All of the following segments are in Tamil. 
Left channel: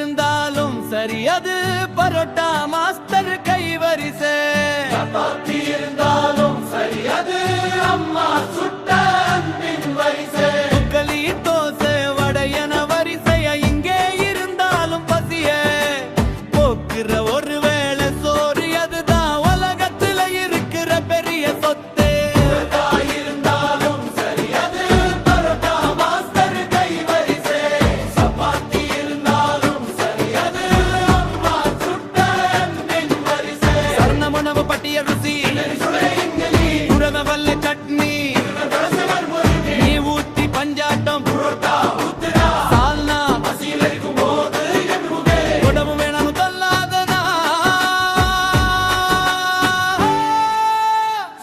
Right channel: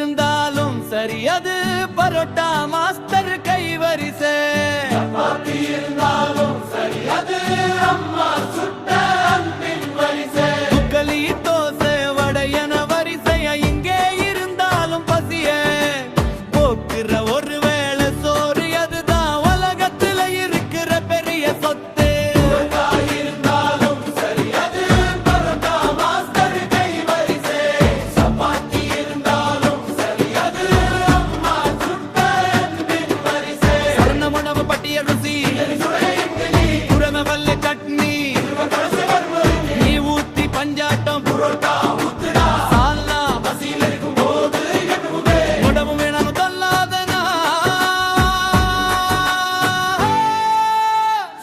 இருந்தாலும் சரி அது பரோட்டா மாஸ்டர் கைவரிசை. சப்பாத்தி இருந்தாலும் சரி அது அம்மா சுட்ட அன்பின் வரிசை. முக்கலி தோசை வடையன வரிசைய இங்கே இருந்தாலும் பசிய போக்குற ஒரு வேளை சோறு அதுதான் உலகத்துல இருக்கிற பெரிய சொத்து. உணவு பட்டியல் ருசி குரம வல்ல சட்னி நீ ஊத்தி பஞ்சாட்டம் சால்னா உடம்பு வேணும் தள்ளாதனா.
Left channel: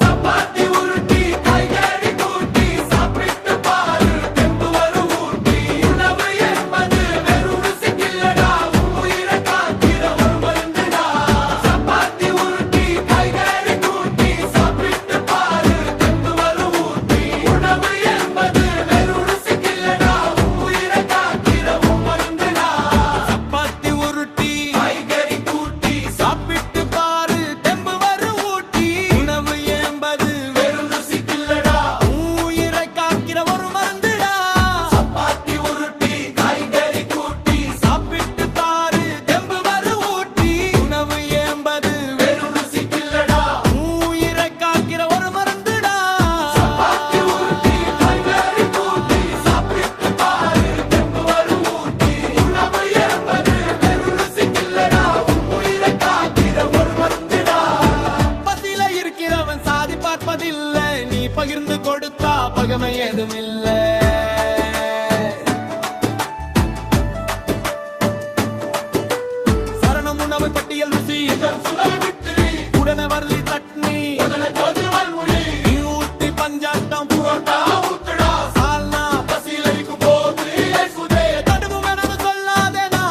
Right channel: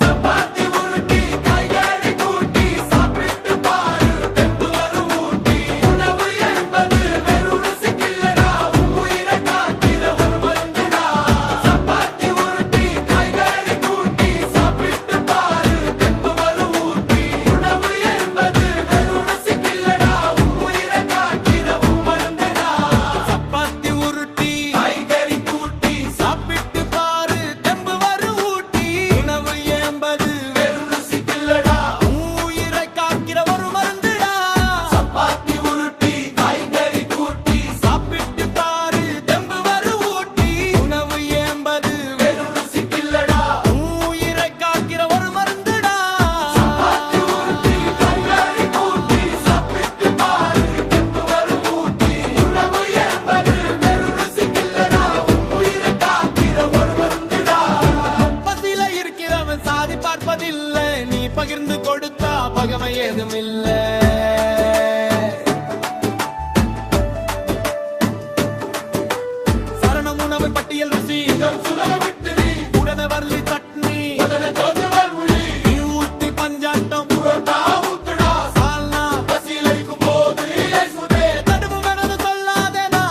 சப்பாத்தி உருட்டி காய்கறி கூட்டி சாப்பிட்டு பாரு தெம்பு வரும் ஊட்டி. உணவு என்பது வெறும் ருசிக்கில்லடா உயிரை காக்கிற ஒரு மருந்துடா. சப்பாத்தி உருட்டி காய்கறி கூட்டி சாப்பிட்டு பாரு தெம்பு வரும் ஊட்டி. உணவு என்பது வெறும் ருசிக்கில்லடா உயிரை காக்கிற ஒரு மருந்துடா. சப்பாத்தி உருட்டி காய்கறி கூட்டி சாப்பிட்டு பாரு தெம்பு வரும் ஊட்டி. உணவு என்பது வெறும் ருசிக்கில்லடா உயிரை காக்கிற ஒரு மருந்துடா. சப்பாத்தி உருட்டி காய்கறி கூட்டி சாப்பிட்டு பாரு தெம்பு வரும் ஊட்டி. உணவு என்பது வெறும் ருசிக்கில்லடா உயிரை காக்கிற ஒரு மருந்துடா. சப்பாத்தி உருட்டி காய்கறி கூட்டி சாப்பிட்டு பாரு தெம்பு வரும் ஊட்டி. உணவு என்பது வெறும் ருசிக்கில்லடா உயிரை காக்கிற ஒரு மருந்துடா. பசியில இருக்கிறவன் சாதி பார்ப்பதில்லை நீ பகிர்ந்து கொடுத்தா பகமை ஏதும் இல்லை. சரணம் உணவு பட்டியல் ருசி உடனே வரலி சட்னி நீ ஊத்தி பஞ்சாட்டம் சால்னா பசியில் இருக்கும் போது தடுப்பு வேணும்னு சொல்லாதேனா.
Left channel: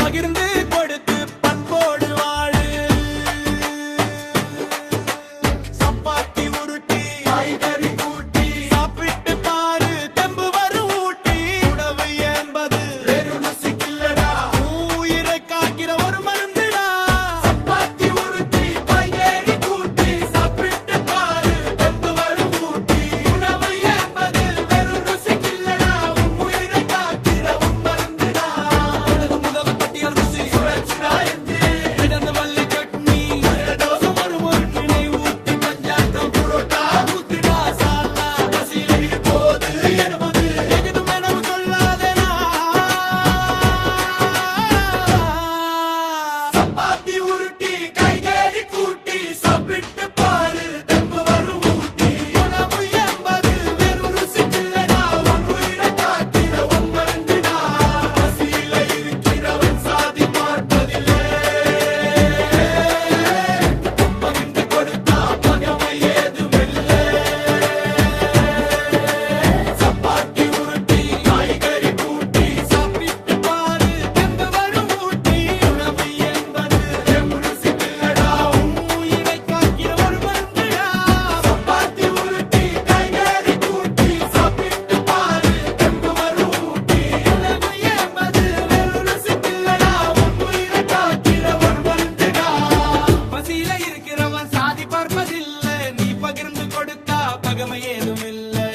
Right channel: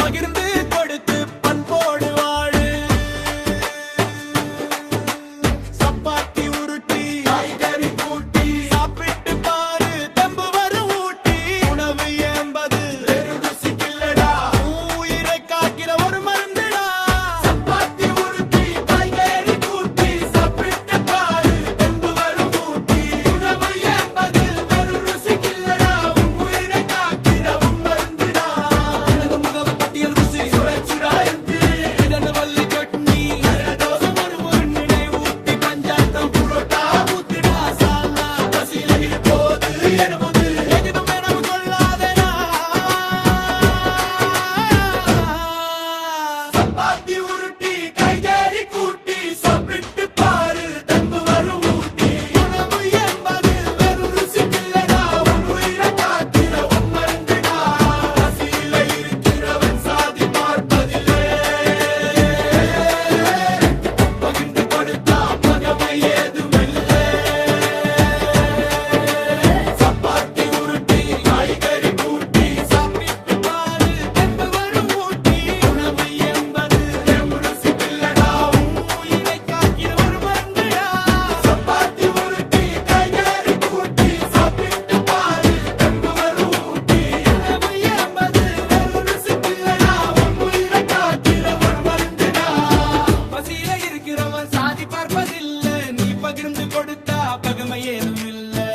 பகிர்ந்து கொடுத்து பண்போடு வாழு. சப்பாத்தி உருட்டி காய்கறி கூட்டி சாப்பிட்டு பாரு தெம்பு வரும் ஊட்டி. உணவு என்பது வெறும் ருசிக்கில்லடா உயிரை காக்கிற ஒரு மருந்துடா. சப்பாத்தி உருட்டி காய்கறி கூட்டி சாப்பிட்டு பாரு தெம்பு வரும் ஊட்டி. உணவு என்பது வெறும் ருசிக்கில்லடா உயிரை காக்கிற ஒரு மருந்துடா. முகவு பட்டியல் ருசி இடன வள்ளி சட்னி தோசை வரும் ஒரு நினை ஊட்டி பஞ்சாட்டம் ஊத்துடா சால்னா பசியில இருப்போது எனவது எதுவும் வேணும் சொல்லாதேனா. சப்பாத்தி உருட்டி காய்கறி கூட்டி சாப்பிட்டு பாரு தெம்பு வரும் ஊட்டி. உணவு என்பது வெறும் ருசிக்கில்லடா உயிரை காக்கிற ஒரு மருந்துடா. பசியில இருக்கிறவன் சாதி பார்ப்பதில்லை பகிர்ந்து கொடுத்தா பகமை ஏதும் இல்லை. சப்பாத்தி உருட்டி காய்கறி கூட்டி சாப்பிட்டு பாரு தெம்பு வரும் ஊட்டி. உணவு என்பது வெறும் ருசிக்கில்லடா உயிரை காக்கிற ஒரு மருந்துடா. சப்பாத்தி உருட்டி காய்கறி கூட்டி சாப்பிட்டு பாரு தெம்பு வரும் ஊட்டி. உணவு என்பது வெறும் ருசிக்கில்லடா உயிரை காக்கிற ஒரு மருந்துடா. பசியில இருக்கிறவன் சாதி பார்ப்பதில்லை நீ பகிர்ந்து கொடுத்தா பகமை ஏதும் இல்லை.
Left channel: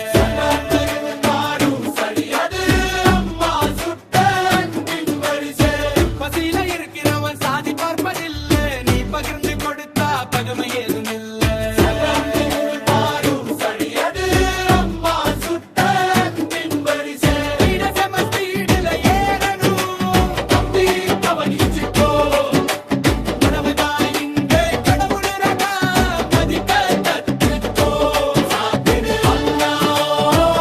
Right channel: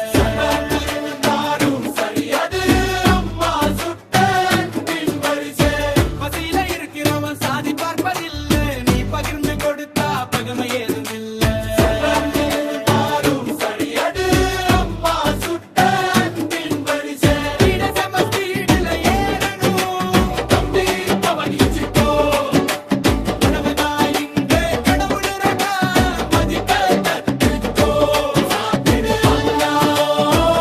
பசியில இருக்கிறவன் சாதி பார்ப்பதில்லை நீ பகிர்ந்து கொடுத்தா பகமை ஏதும் இல்லை. இடசமஸ்தீடுல ஏறணும் தம்பி கவனிச்சுக்கோ. உணவு தான் இங்கே கடவுள் ரகா மதிக்க கத்துக்கோ. சாப்பிடு அண்ணா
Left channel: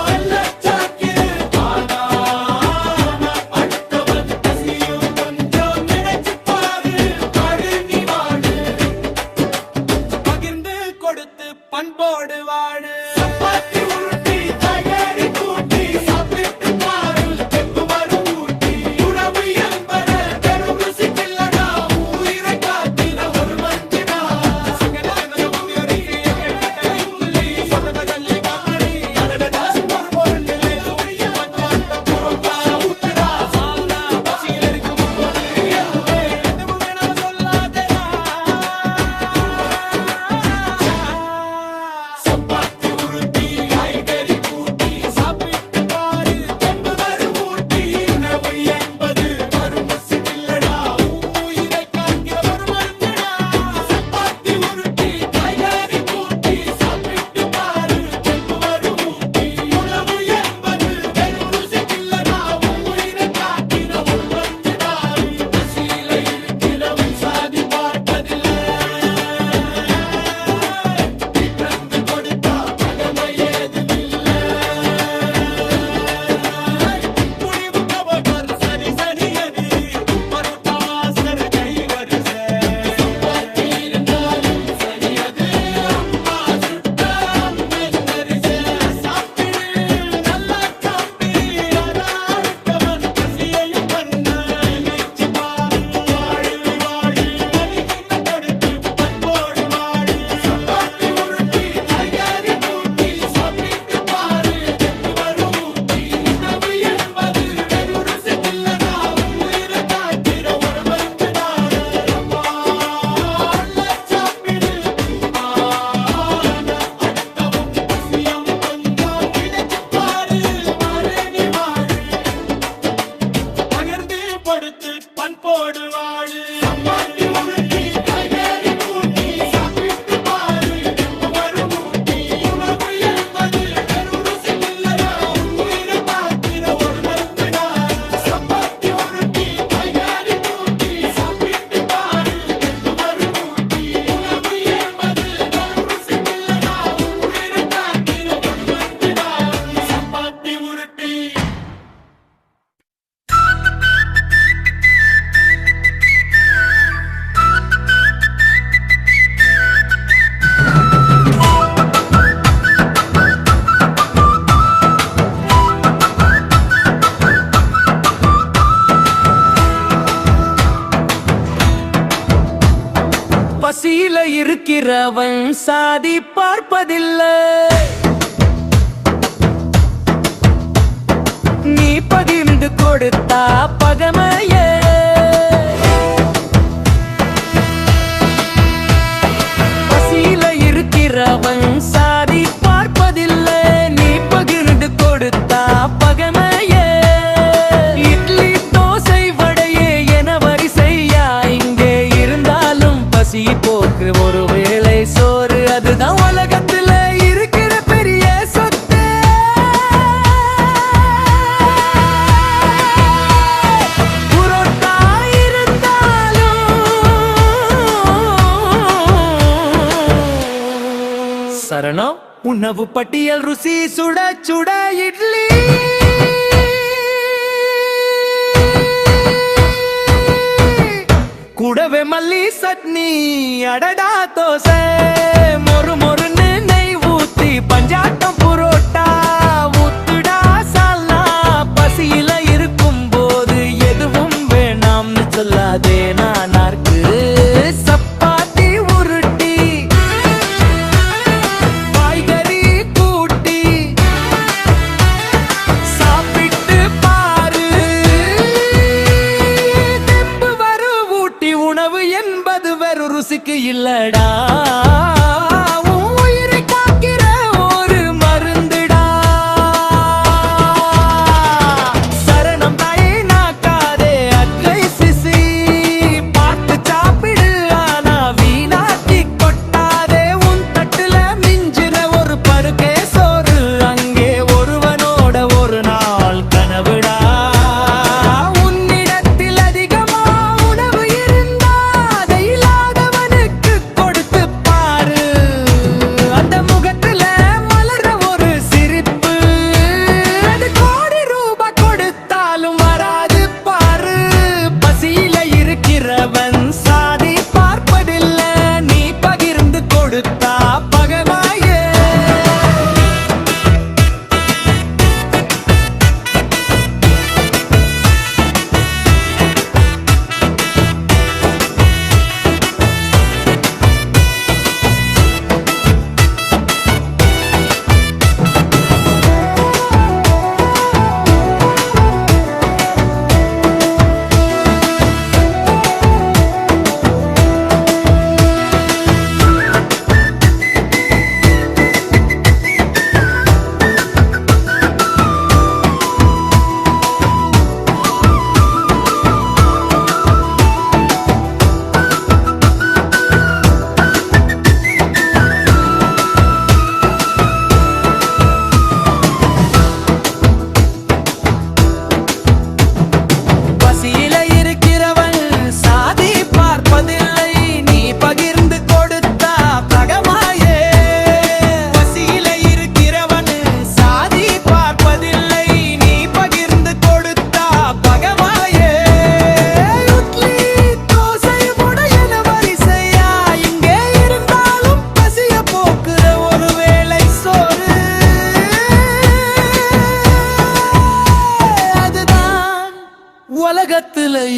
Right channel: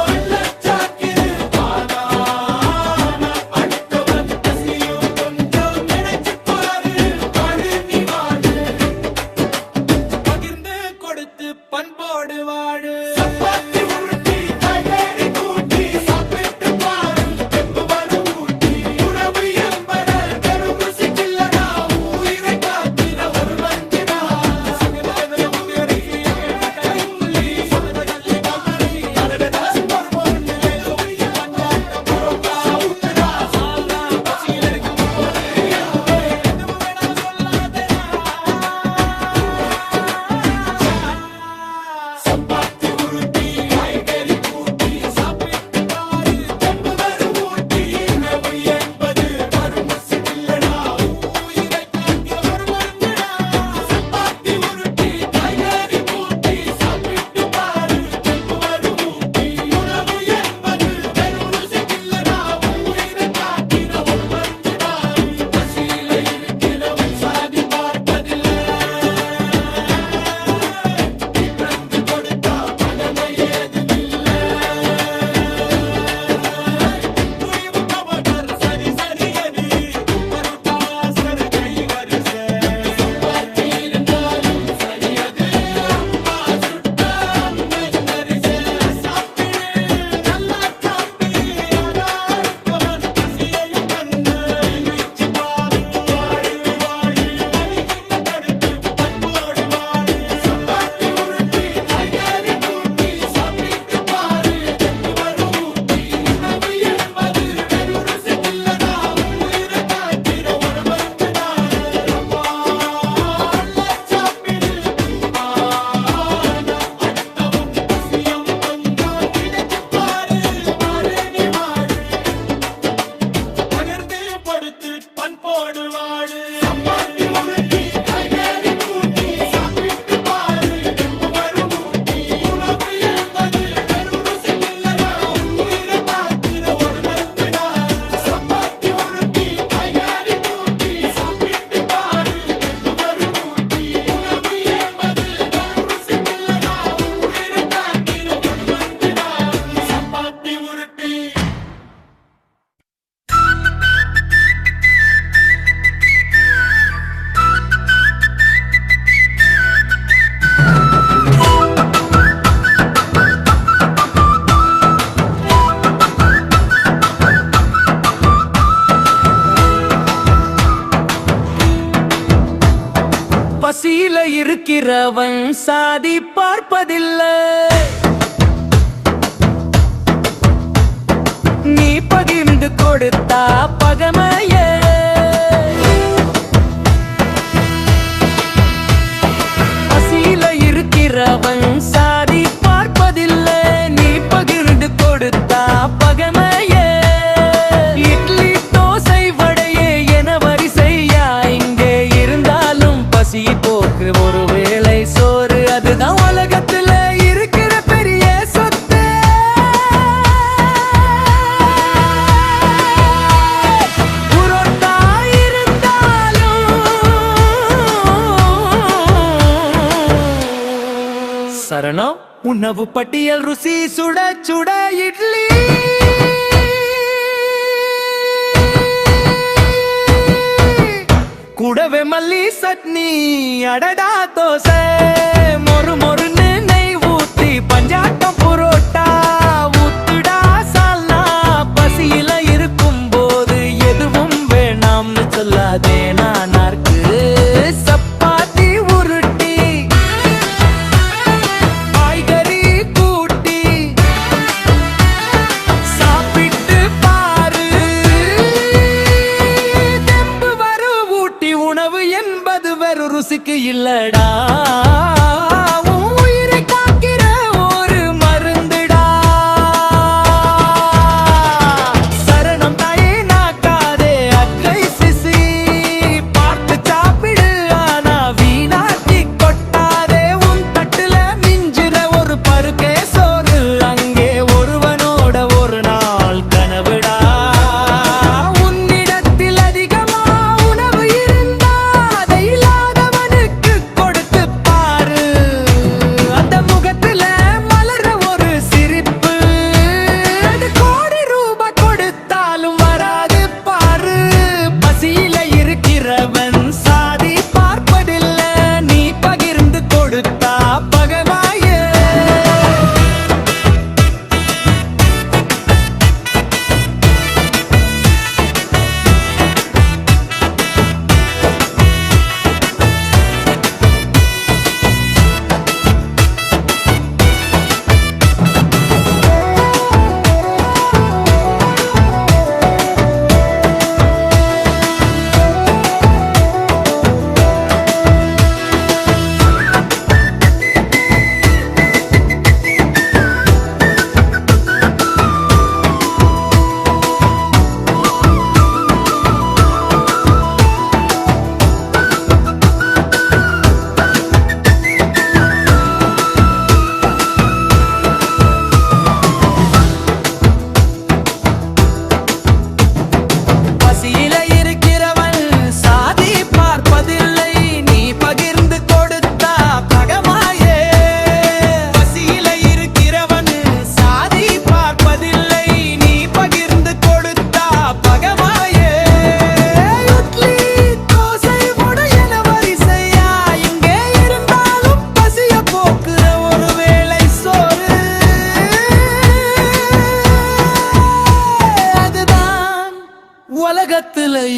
வெள்ளச்சாக்கிரு பாதான அடுத்தவன் பசியும் கொஞ்சம் நினைச்சு பாரு வாழு நீ வாழு. கொடுத்து பண்போடு வாழு. பண்போடு வாழு. பசியில இருக்கிறவன் சாதி பார்ப்பதில்லை. நீ பகிர்ந்து கொடுத்தா பகமையே. பசியில இருக்கிறவன் சாதி பார்ப்பதில்லை. நீ பகிர்ந்து கொடுத்தா பகமையே. இட்லி தோசை வடையே என வரிசையா இங்கே இருந்தாலும் பசி போக்கு ஒரு வேளை சோறு அதுதான் உலகத்துல இருக்கிற பெரிய சொத்து. புரோட்டா இருந்தாலும் சரணம் உணவு பட்டியல் ருசி சுட சுட இட்லி. கூடவே மல்லி சட்னி அடடா தோசை. மொறு மொறுன்னு நெய் ஊத்தி பஞ்சாட்டம் புரோட்டா ஊத்துடா சால்னா. பசியில இருக்கும் போது எதுவும் வேணாம்னு சொல்லாதே நானார்க்கு. சப்பாத்தி உருட்டி காய்கறி கூட்டி சாப்பிட்டு பாரு. தெம்பு வரு ஊட்டி உணவு என்பது வெறும் ருசிக்கு இல்லடா. உயிரை காக்கிற ஒரு மருந்துடா. சரணம் தாயே நாக்காதே அற்றை சிசி. பார்த்து சாப்பிடு ஆனா வீணாக்கி கொட்டாதே. உன் தட்டுல மிஞ்சிற ஒரு பருக்கே சோறு அங்கே ஒருவனோட ஒரு நாள் கனவுடா. உன்னிடத்தில் அதிகமா உணவு இருந்தா அதை இல்லாதவனுக்கு கொடுத்து பாரு. அந்த முகத்துல மலர ஒரு சிரிப்பு அது கோடி ரூபாய் கொடுத்தாலும் வராது பாரு. பசியில இருக்கிறவன் சாதி பார்ப்பதில்லை. நீ பகிர்ந்து கொடுத்தா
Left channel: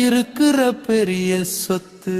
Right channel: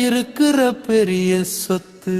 இருக்கிற பெரிய சொத்து